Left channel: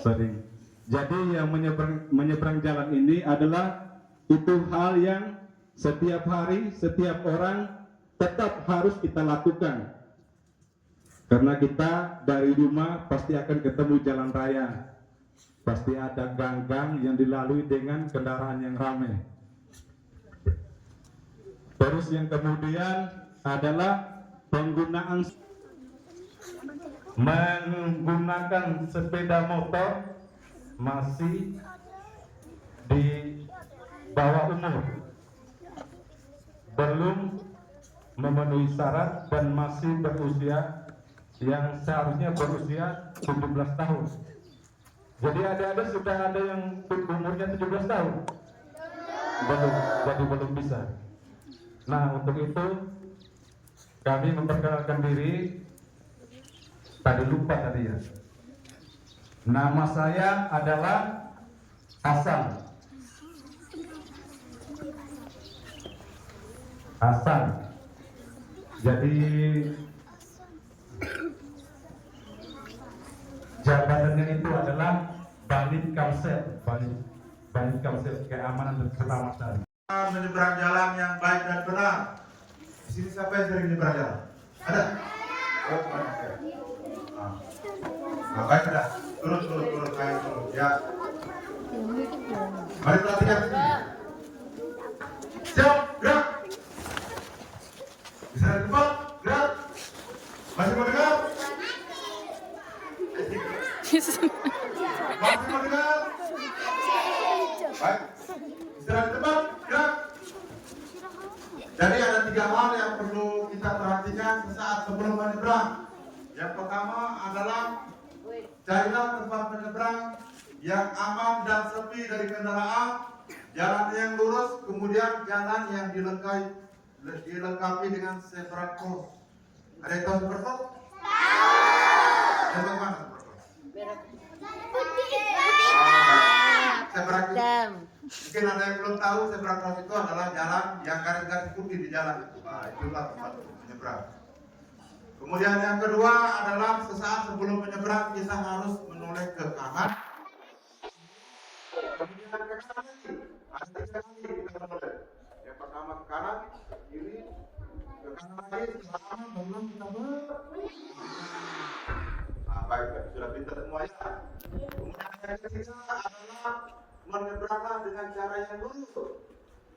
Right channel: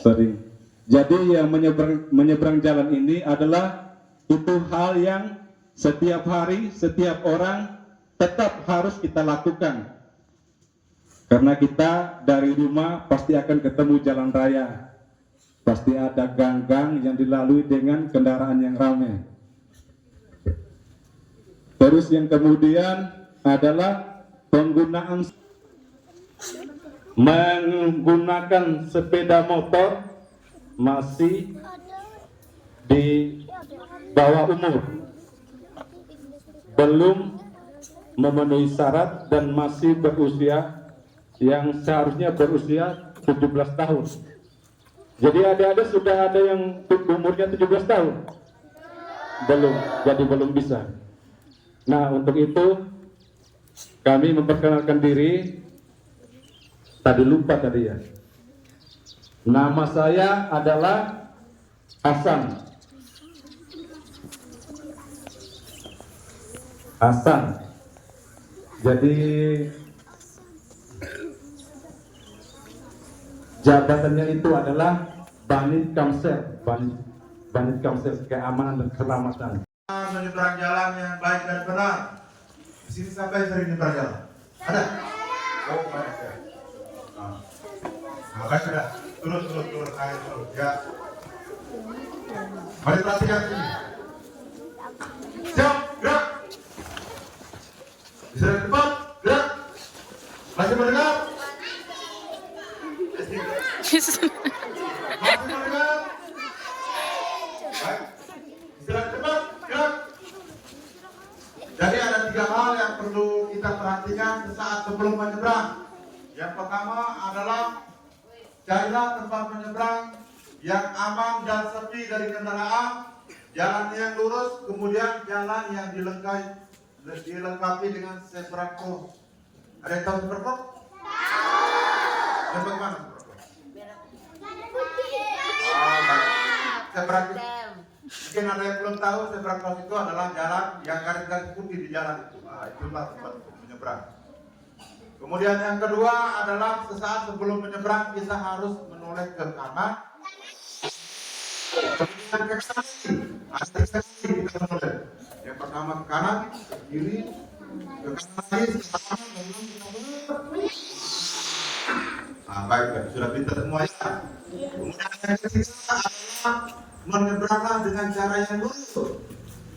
Sering. Jadi yang menyeberang jalan ini adalah itu hal yang setiap hari, setiap orang tetap harus kita lakukan. Karena kita dari rumah pasti akan ketemu jalan raya. Pasti ada gang-gang yang dilalui dengan kendaraan yang ramai. Terus yang kemudian adalah menggunakan sepeda motor masih di bawah umur, belum memenuhi syarat dan masih berusia yang seharusnya berusia 17 tahun. Jadi adik-adik sudah ada yang umurnya 17 tahun? Belum, jadi belum bisa. Nah, untuk itu kami memperkenalkan diri. Tadi lupa tadi ya. Nama saya adalah Hasan. Jadi jabatannya itu adalah Banit Kamsel, Banit Kamsel keamanan dan keselamatan. Menyeberang jalan yang baik dan benar. Di sini siapa yang sering menyeberang jalan? Ada? Oh, banyak ya. Nah, baik sudah. Turun, ayo turun. Ya. Mari perhatikan ini. Siap, gerak. Bisa dari tempat, gerak. Masih mendengar? Masih mendengar? Baik. Istirahat tempat, gerak. Jadi ada 3 hal yang perlu kita perhatikan sesaat sebelum menyeberang. Yang pertama adalah carilah tempat menyeberang yang aman dan sepi dari kendaraan, jalan yang lurus, kemudian jalan yang dilengkapi dengan zebra cross. Ada yang tahu zebra cross? Yang bagaimana zebra cross? Zebra cross. Mungkin ada yang belum tahu, zebra cross itu adalah jalan yang garis-garis putih di jalan itu. Nah, itulah tempat untuk menyeberang. Kemudian yang kedua adalah sesaat sebelum menyeberang kita harus menoleh ke kanan. Kemudian ke kiri kita menoleh. Yang pertama ke kanan, ke kiri, ke kanan lagi, setelah kita menoleh. Nah, baik, sudah pintar semua ya. Kemudian yang ketiga adalah menyeberanglah dengan cara yang lurus.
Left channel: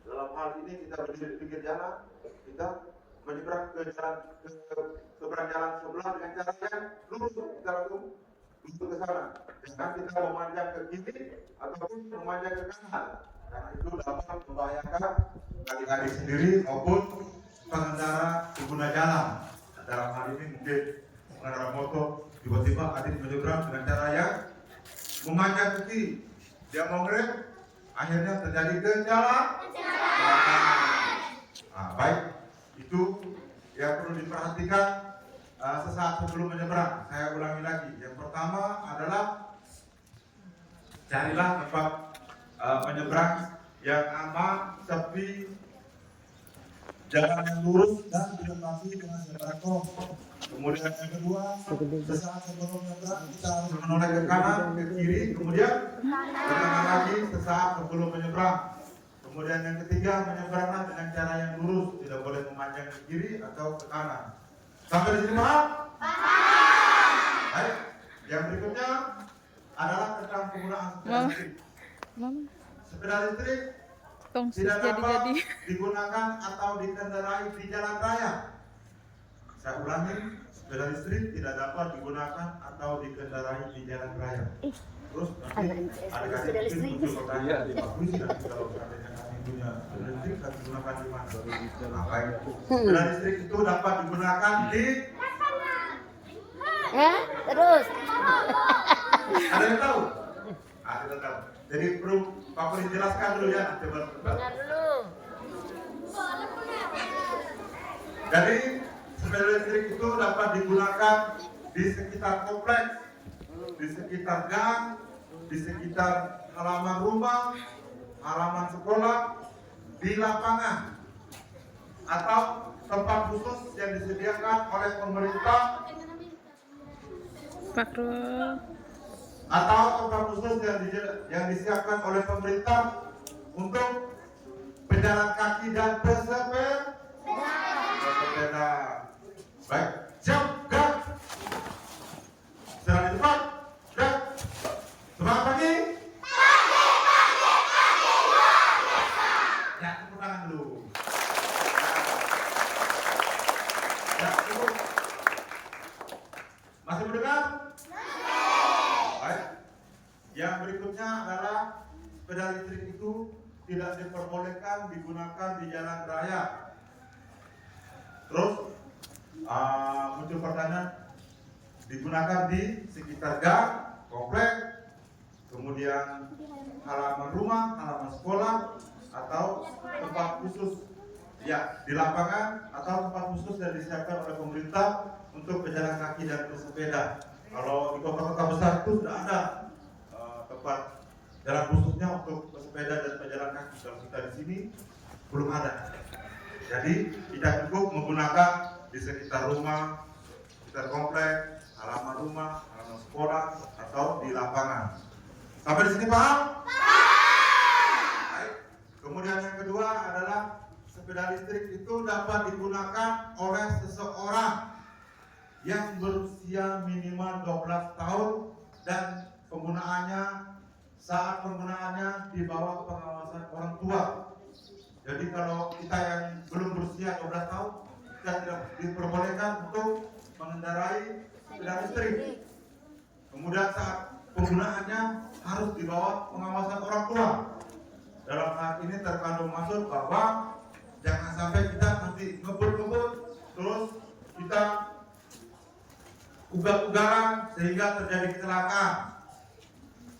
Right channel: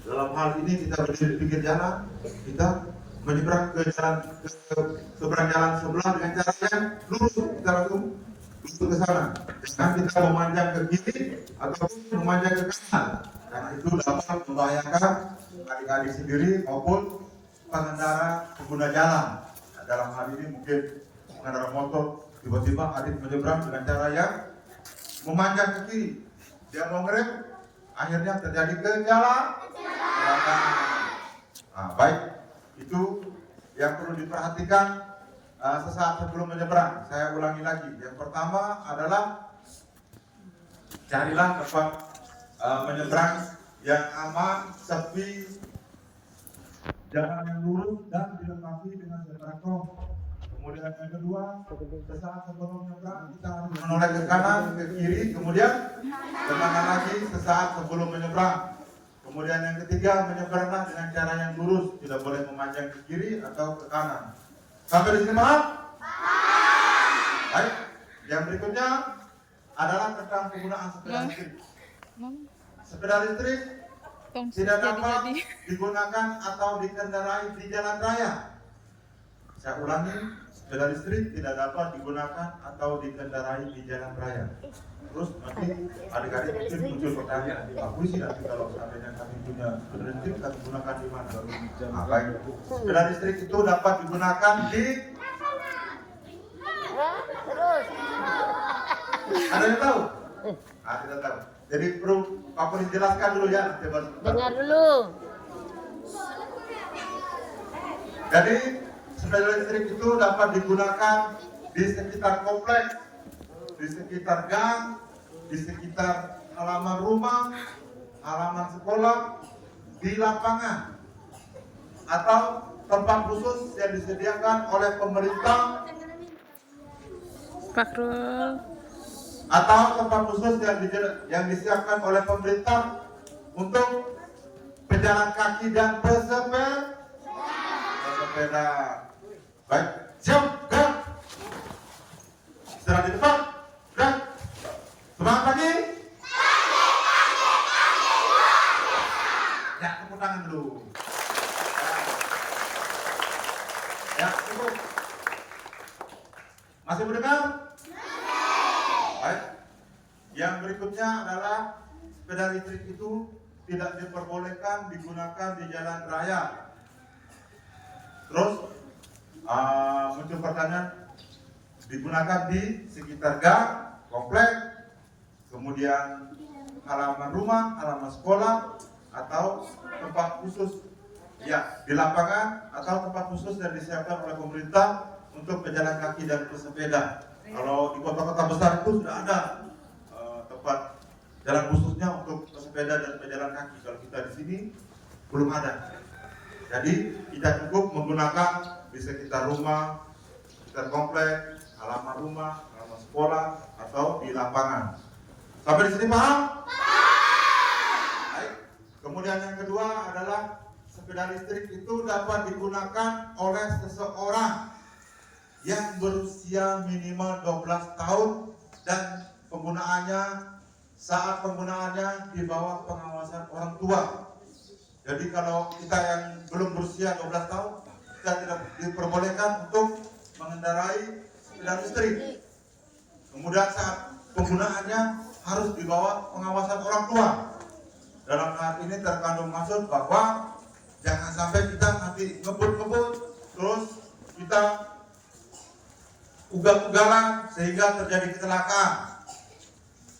Dalam hal ini kita berdiri di pinggir jalan, kita menyeberang ke jalan seberang jalan sebelah dengan cara yang lurus, kita langsung lurus ke sana. Jangan kita memanjang ke kiri ataupun memanjang ke kanan, karena itu dapat membahayakan adik-adik sendiri maupun pengendara pengguna jalan. Dalam hal ini mungkin pengendara motor tiba-tiba adik menyeberang dengan cara yang memanjang ke kiri, dia mau ngerem, akhirnya terjadi kecelakaan. Nah, baik. Itu yang perlu diperhatikan sesaat sebelum menyeberang. Saya ulangi lagi. Yang pertama adalah carilah tempat menyeberang yang aman, sepi, jalan yang lurus dan dilengkapi dengan zebra cross. Kemudian yang kedua, sesaat sebelum menyeberang kita harus menoleh ke kanan, ke kiri, kemudian ke kanan lagi sesaat sebelum menyeberang. Kemudian yang ketiga, menyeberanglah dengan cara yang lurus, tidak boleh memanjang ke kiri atau ke kanan. Sampai di sini paham? Baik. Yang berikutnya adalah tentang penggunaan sepeda listrik. Sepeda listrik tidak dapat digunakan atau dikendarai di jalan raya. Saya ulangi, sepeda listrik tidak dapat digunakan atau dikendarai di jalan raya. Terus nanti adik-adik mungkin muncul pertanyaan, bagus tidak kalau seandainya kami punya sepeda listrik, kami gunakan di mana? Nah, baik. Sepeda listrik itu dapat digunakan di terus. Ada yang tahu? Tidak tahu. Jadi perlu Pak Polisi jelaskan dulu ya, nanti baru sebentar. Dengar dulu. Jadi sepeda listrik itu dapat digunakan di sekitar kompleks, di sekitar gang, di sekitar halaman rumah, halaman sekolah, di lapangan, atau tempat khusus yang disediakan oleh pemerintah Fakrul. Atau tempat khusus yang disiapkan oleh pemerintah untuk pejalan kaki dan pesepeda. Baik, siap, gerak. Istirahat di depan, gerak. Semangat pagi. Ya, tepuk tangan dulu. Ya, cukup. Masih mendengar? Baik. Yang berikutnya adalah sepeda listrik itu tidak diperbolehkan digunakan di jalan raya. Terus muncul pertanyaan, digunakan di sekitar gang, komplek, kemudian halaman rumah, halaman sekolah, atau tempat khusus, ya, di lapangan atau tempat khusus yang disiapkan oleh pemerintah untuk pejalan kaki dan pesepeda. Kalau di kota-kota besar itu sudah ada tempat jalan khususnya untuk pesepeda dan pejalan kaki. Kalau kita di sini belum ada. Jadi kita cukup menggunakan di sekitar rumah, sekitar komplek, halaman rumah, halaman sekolah, atau di lapangan. Sampai di sini paham? Baik. Kemudian yang kedua adalah sepeda listrik itu dapat digunakan oleh seseorang yang berusia minimal 12 tahun dan saat penggunaannya di bawah pengawasan orang tua. Jadi kalau kita yang belum berusia 12 tahun, kita tidak diperbolehkan untuk mengendarai sepeda listrik. Kemudian saat penggunaannya harus di bawah pengawasan orang tua. Dalam hal ini terkandung maksud bahwa jangan sampai kita nanti ngebut-ngebut terus kita ugal-ugalan sehingga terjadi kecelakaan.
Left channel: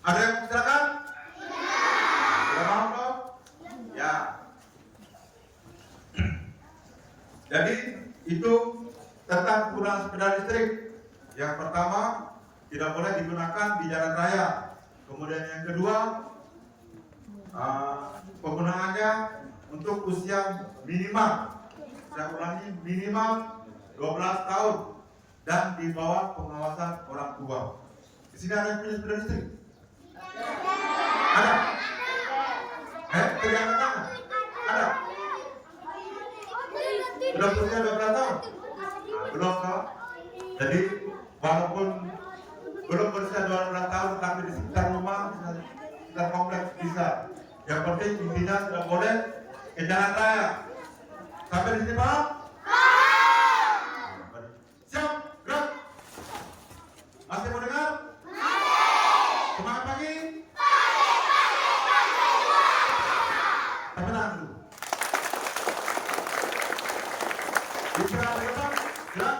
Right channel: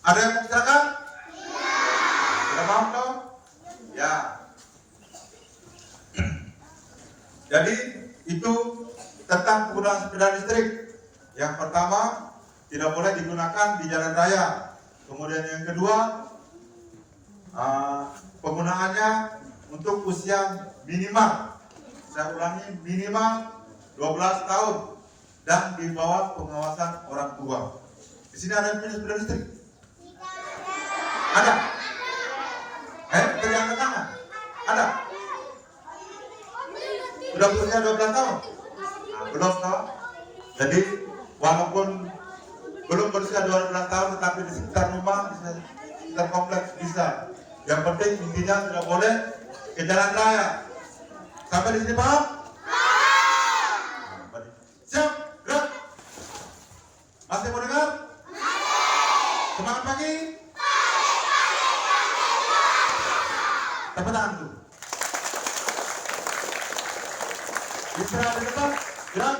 Ada yang kecelakaan? Sudah paham dong? Ya. Jadi itu tentang penggunaan sepeda listrik. Yang pertama, tidak boleh digunakan di jalan raya. Kemudian yang kedua, penggunaannya untuk usia minimal, saya ulangi, minimal 12 tahun dan di bawah pengawasan orang tua. Di sini ada yang punya sepeda listrik? Ada? Tidak ada tangan? Ada? Sudah berusia 12 tahun? Belum toh? Jadi walaupun belum berusia 12 tahun tetapi di sekitar rumah, di sekitar kompleks bisa. Yang penting intinya tidak boleh ke jalan raya. Sampai di sini paham? Siap, gerak. Masih mau dengar? Semangat pagi. Tepuk tangan dulu. Istirahat di tempat, gerak.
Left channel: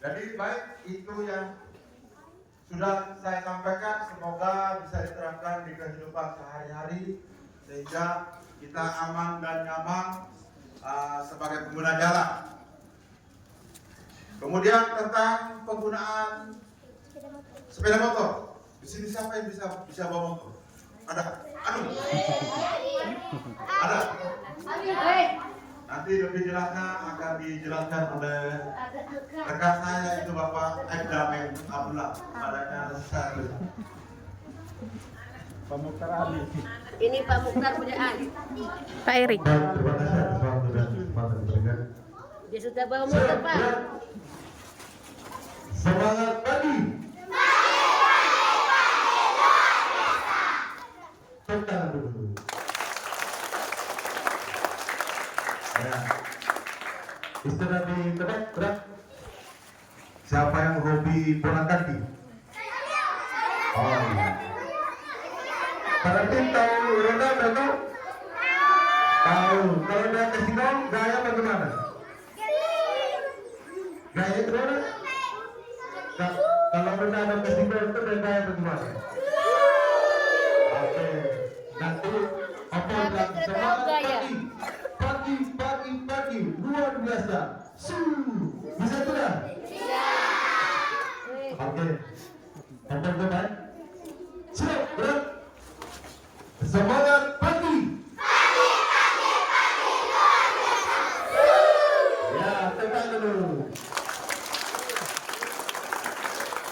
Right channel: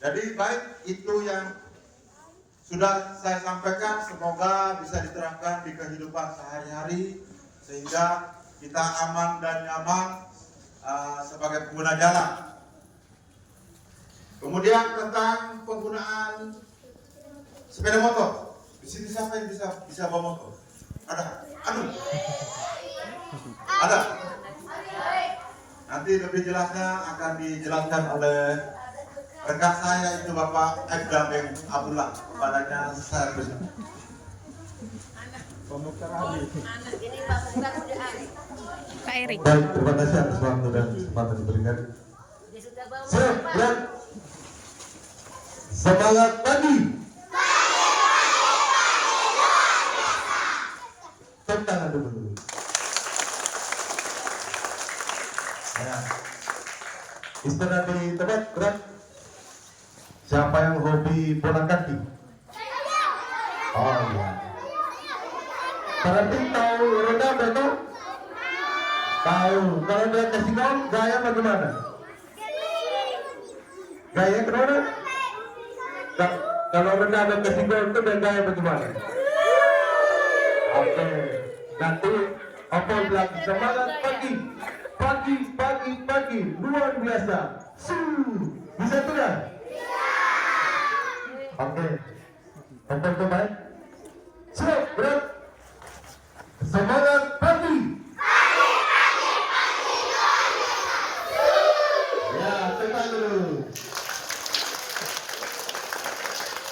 Jadi baik, itu yang sudah saya sampaikan, semoga bisa diterapkan di kehidupan sehari-hari sehingga kita aman dan nyaman sebagai pengguna jalan. Kemudian tentang penggunaan sepeda motor. Di sini siapa yang bisa bawa motor? Ada? Aduh. Ada? Nanti lebih jelasnya akan dijelaskan oleh rekan saya itu Bapak Ekdam Abdullah, badannya servis. Pak Mukhtar Ali. Ini Pak Mukhtar punya Ali. Pak Erik. Baik, terima kasih atas waktu dan kesempatan diberikan. Dia sudah bawa motor, Pak. Semangat pagi. Tepuk tangan dulu. Ya. Istirahat di tempat, gerak. Siapa yang hobi bola kaki? Oh iya. Para tim tahu Ronaldo tuh? Tahu. Kalau dia kasih gol, gaya bagaimana? Gaya kemana? Kalau Ronaldo kasih gol itu dia gaya bagaimana? Oke. Nanti Opo bilang semangat pagi, luar biasa. Bisa tidak? Oke. Opo itu baik. Siap, berat. Semangat pagi. Ya, tekan dulu.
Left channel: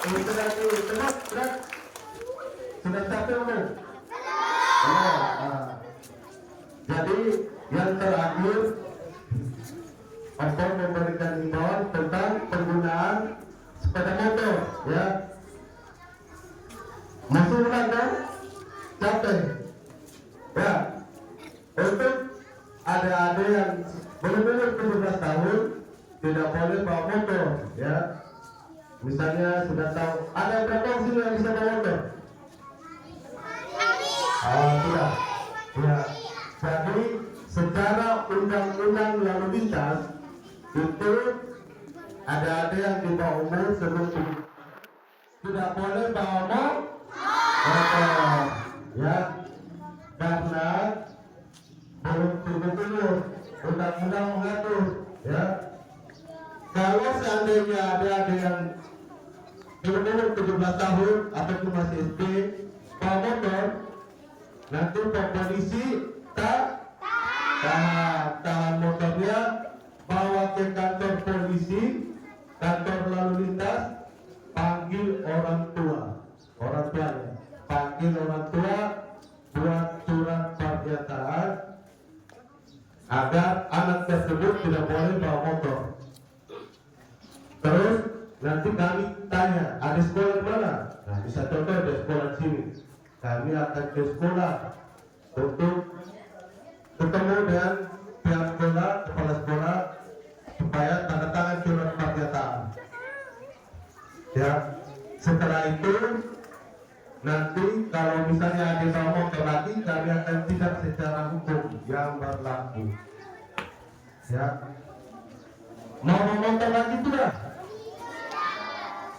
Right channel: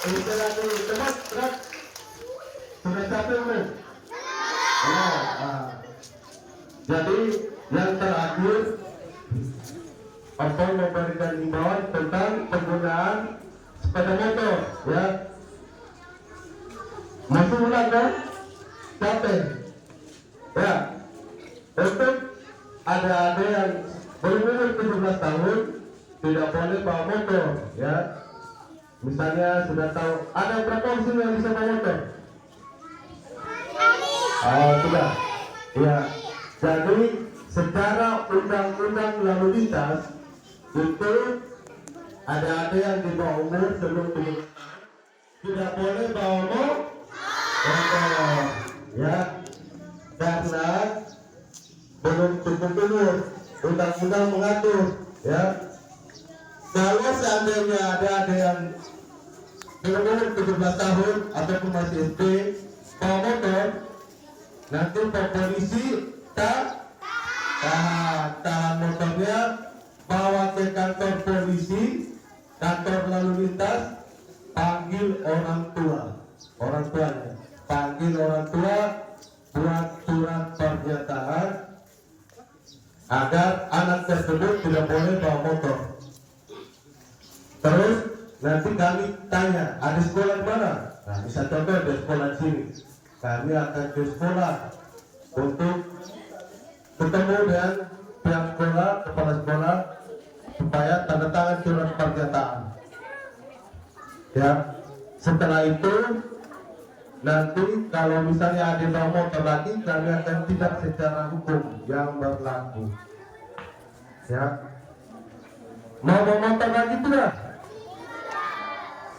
Itu lagi tempat berat. Sudah capek belum? Belum. Jadi yang terakhir Ompong memberikan himbauan tentang penggunaan sepeda motor, ya. Masuk ulang kan? Capek. Ya. Untuk adik-adik yang belum umur 17 tahun tidak boleh bawa motor, ya. Misalnya sudah tahu ada berapa orang yang bisa bawa motor? Tidak. Ya. Jadi secara undang-undang lalu lintas itu ada yang di bawah umur sebelum tidak boleh bawa motor, ya, karena belum cukup umur. Undang-undang mengatur, ya. Kalau seandainya ada yang belum umur 17 tahun ataupun masih SD bawa motor, nanti polisi tahan motornya, bawa ke kantor polisi, kantor lalu lintas, panggil orang tuanya, panggil orang tua, buat surat pernyataan agar anak tersebut tidak boleh bawa motor. Terus nanti kami tanya, ada sekolah di mana? Nah, bisa contoh ada sekolah di sini. Kami akan ke sekolah untuk ketemu dengan pihak sekolah, kepala sekolah, supaya tanda tangan surat pernyataan. Ya, setelah itu nanti kalau misalnya ada bawa motor lagi, kami akan tindak secara hukum yang berlaku. Ya, mau bawa motor lagi tidak?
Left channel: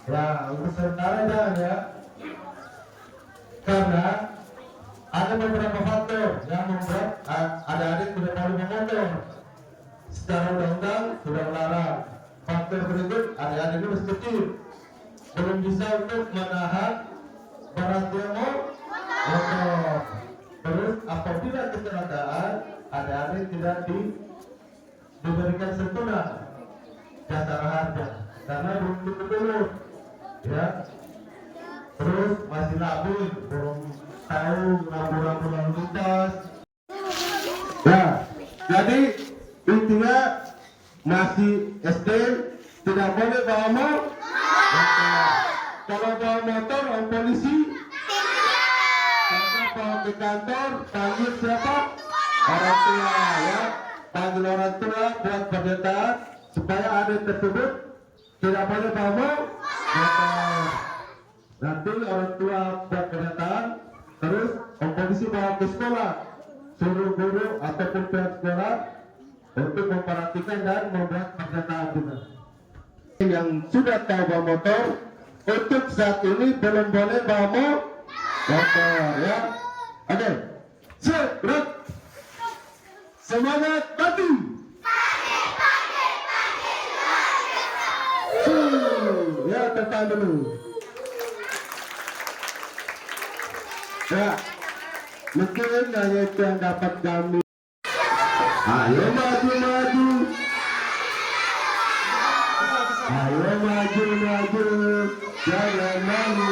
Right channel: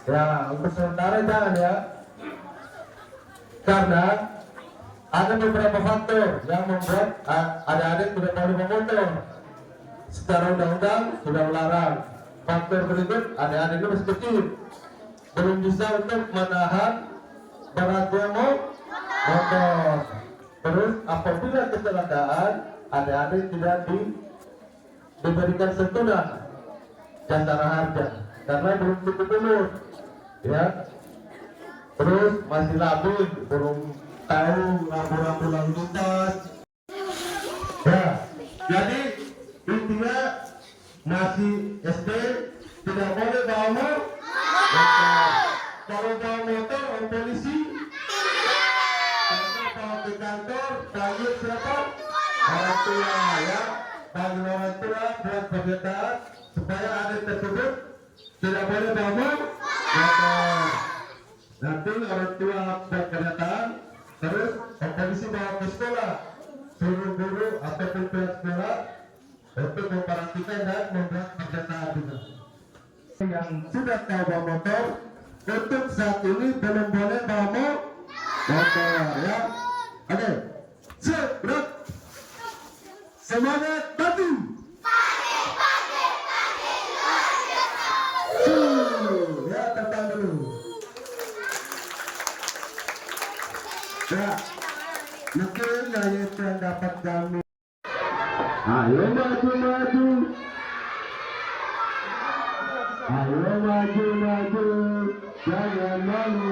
Ya, untuk sementara jangan, ya, karena ada beberapa faktor yang membuat adik-adik tidak boleh bawa motor. Secara undang-undang sudah melarang. Faktor berikut, adik-adiknya masih kecil, belum bisa untuk menahan beratnya motor. Terus apabila kecelakaan, adik-adik tidak diberikan santunan jasara harja karena belum cukup umur, ya. Terus masih labu, belum tahu rambu-rambu lalu lintas. Ya, jadi intinya masih SD tidak boleh bawa motor. Kalau bawa motor, polisi. Kalau bawa ke kantor, panggil siapa? Orang tua, ya. Panggil orang tua buat pernyataan supaya adik tersebut tidak boleh bawa motor. Nanti orang tua buat pernyataan, terus polisi bawa ke sekolah, suruh guru ataupun pihak sekolah untuk memperhatikan dan membuat pernyataan juga. Yang sudah tahu bawa motor, untuk saat ini belum boleh bawa motor, ya. Oke, berat. Semangat mati. Ya, tekan dulu. Ya, mungkin hanya itu yang dapat kami. Ayo maju, ayo maju, jangan malu.